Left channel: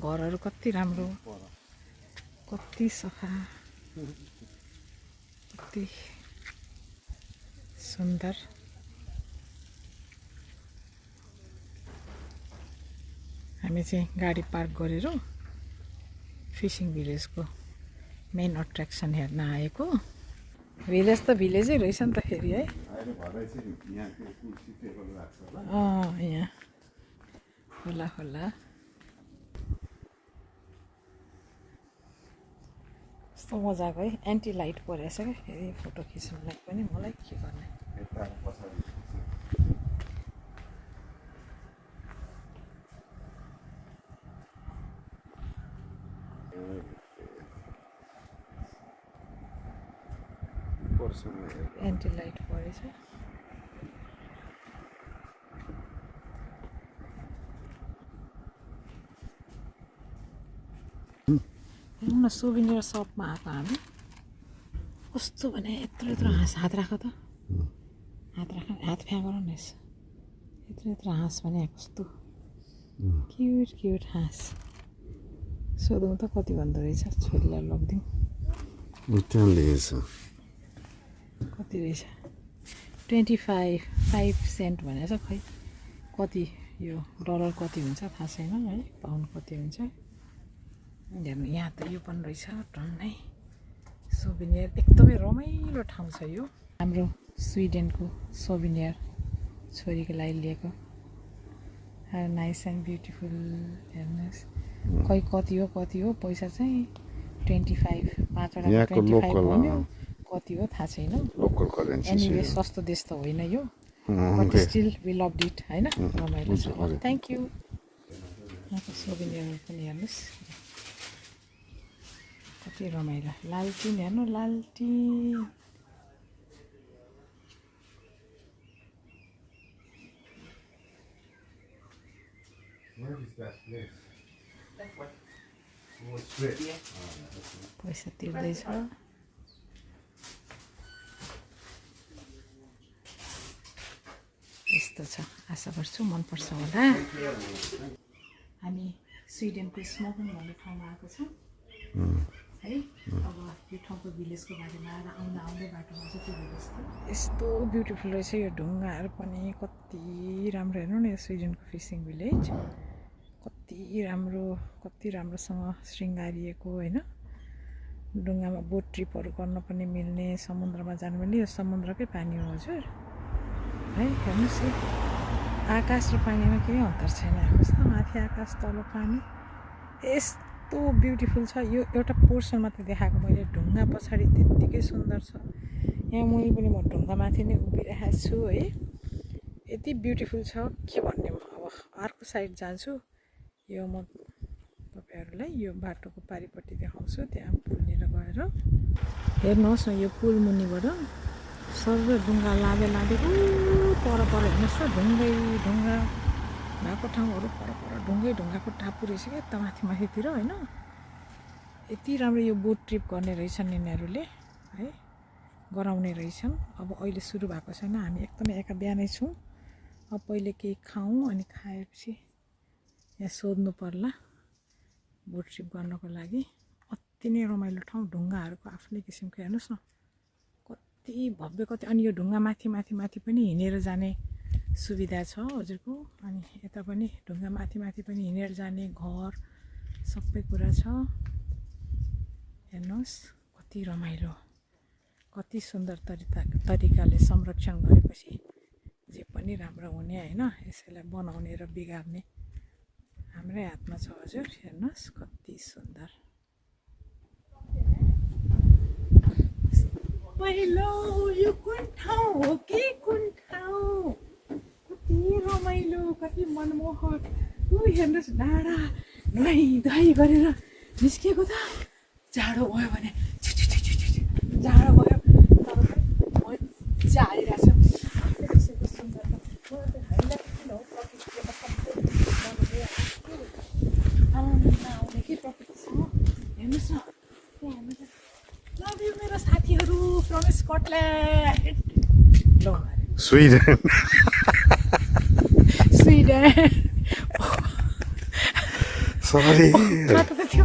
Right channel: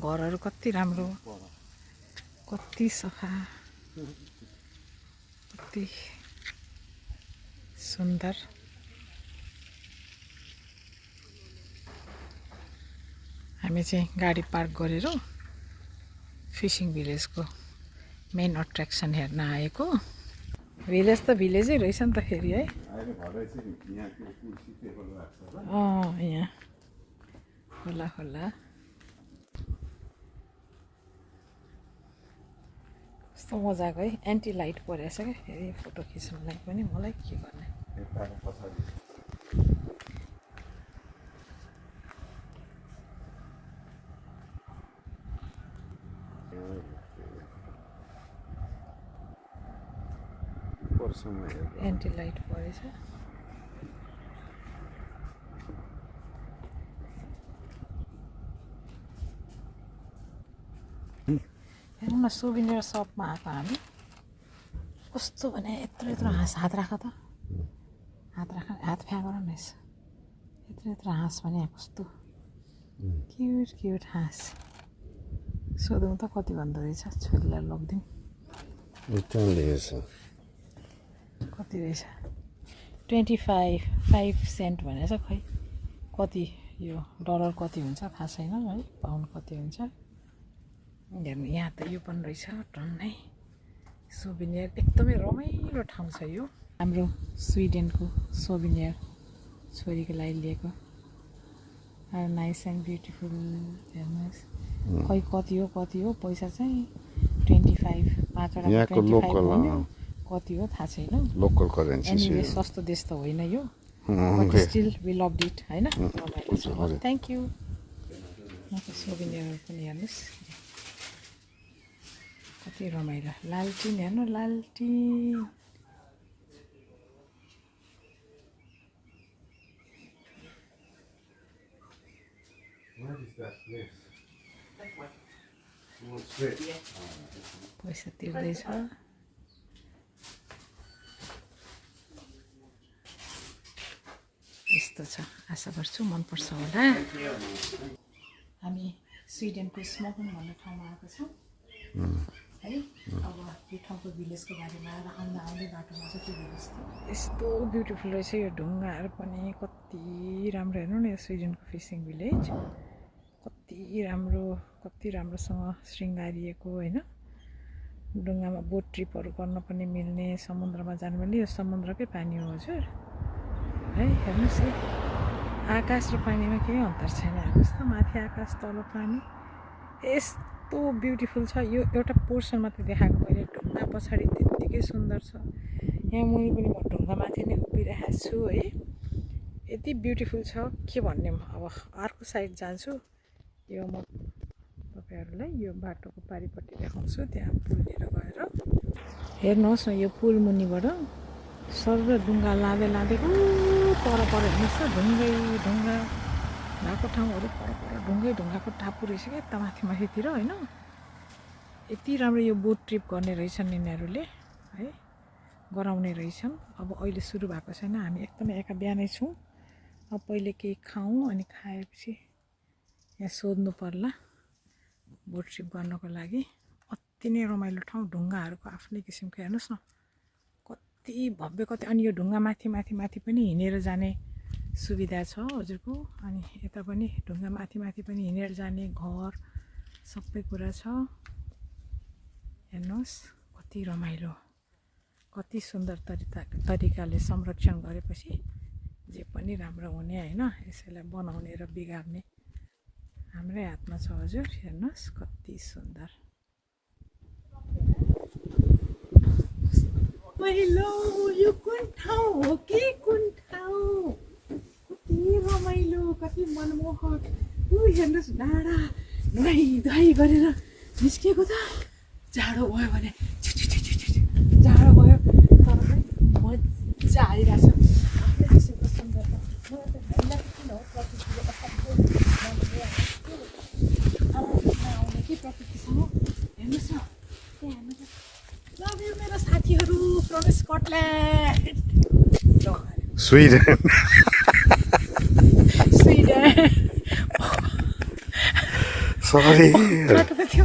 घरहरू कति राम्रो कति सफा कति सुन्दर हामी चाहिँ गाडी पार्क गरेर फिशिङ भिलेजको मेन अट्र्याक्सन हेर्न आएको भिलेज त भिलेजै रहेछ नि त फेरि है यहाँ होला होला कस्तो मजाको है एन्टी लाइट परेछ क्या फेरि फोटो खिच्नुलाई पनि मलाई के गर्ने एन्टी लाइट परेछ हेर्नु न सुभिनियर सपमा आएको हामी कस्तो भने यत्रो यत्रो हाँस हात राख त हात फ्याँक न यसो यत्रो यत्रो हाँस भने कस्तो क्युट क्युट हाँस सोधौँ त कति भन्दो रहेछ छोरीलाई लगिदिउँ कति रहेछ 25 सेन्ट भनेछ खै कति यो डलर कति हुन्छ थाहा छैन है पाउन्ड कति हुन्छ हेर्नु यहाँ त यो पनि रहेछ टन्नै सोभिनियर एकदमै रमाइलो ठाउँ छ यो हाम्रो स्विडेनको सोभिनियर छोरीको लागि लिएको नाइस एन्ड ब्युटिफुल हेर्नुहोस् खै कति हो पैसा चाहिँ 25 5वटा 25 भन्यो कति हो थाहा छैन लोकल करेन्सी एनीवे सस्तो देश त होइन यो but still we loved it हैन रमाइलो छ थ्याङ्क यू यहाँको सोभिनियरहरू पनि हेर्नुहोस् कति रमाइलो लालटिन हेर्नु लालटिन पैसा तिर्दैछ यस्तो छ आशा गर्छु मनपर्छ होला हामी स्विडेनको स्मोकिङ भन्ने ठाउँमा आएको छौँ है अब यो ठाउँको भिलेजको बारेमा आउँदै बाटोमा चाहिँ त्यो भिलेज थियो यस्तो ब्युटिफुल रहेछ यो ढुङ्गाहरू पनि कति राम्रो हेर्नु न यो स्विडेनको फिसिङ भिलेज कति राम्रोसँग श्रृङ्गारिएको होइन ढुङ्गामा बोट ट्रिपहरू गर्न पनि मिल्ने समुद्रमा जानु मिल्ने यो समुद्रकै पानी हो हजुर है हेर्नुहोस् है आकाश र पानीमा केही अन्तर छैन हेर्नुहोस् त माथि आकाश तल पानी यस्तो ब्युटिफुल छ यो एउटा पोर्सन मात्रै देखाएको मैले ढुङ्गा पछाडि त्यत्तिकै सुन्दर छ यहाँ मुनि पनि म ढुङ्गा माथि नै उभिरहेको छु है यति ब्युटिफुल छ के भन्ने अब अर्को साइड जान्छु यो म तपाईँहरूलाई यो बाटोको पारिपट्टि देखाउँछु त्यहाँ पुलनिर गएर हेर्नुहोस् न यो पुल मुनिबाट सर ढुङ्गा लाँदै पर हेर्नुहोस् त ढुङ्गा भएको ठाउँहरू पर ढुङ्गाको टापु रहेछ क्या यता माथितिर होइन यति राम्रो यो बोट ट्रिप गर्ने रहेछन् यिनीहरूले है गराउने रहेछन् अब अहिले सुरु भएको छैन हामी एकदमै एका बिहानै छौँ अब पहिले केही खाऊँ अनि खाएपछि यहाँ सोध्नु पर्ला बोट ट्रिप गर्नको लागि अति नै रमाइलो ठाउँ ढुङ्गाहरूको आफ्नै किसिमको हेर्नुहोस् न कति भव्य कति अनि यो ढुङ्गा माथि पनि हिँडेर जाने सुविधा छ हजुरको अनि यता पनि ढुङ्गा माथि पनि हिँडेर जाने घर सबै कुरा छ हेर्नुहोस् कति रमाइलो कति सुन्दर तरिकाले संरक्षण गरेपछि जे पनि राम्रो हुने होइन यसैलाई बनाउने र बिगार्ने हाम्रै हातमा छ हजुर हेर्नुहोस् कति सुन्दर पहिलो यो कुन ठाउँ हो कि कुन ठाउँ कति रमाइलो कति मनमोहक ऊ हेर्नुहोस् डाँडा नुहाई धुवाई गरेर निस्किएको त जाडो भयो भने जाडो भयो तर पनि मजा आइरहेको छ किसिमको सुन्दरता मलाई त हामीलाई किन हो प्रकृतिले सबै आनन्द आउने कि प्रकृतिसँग हेर्नुहोस् न त्यहाँ हेर्नुहोस् लभ यु मेरो साथीहरू फ्रम स्कटल्यान्ड ल स्विडेन Sorry. त्यो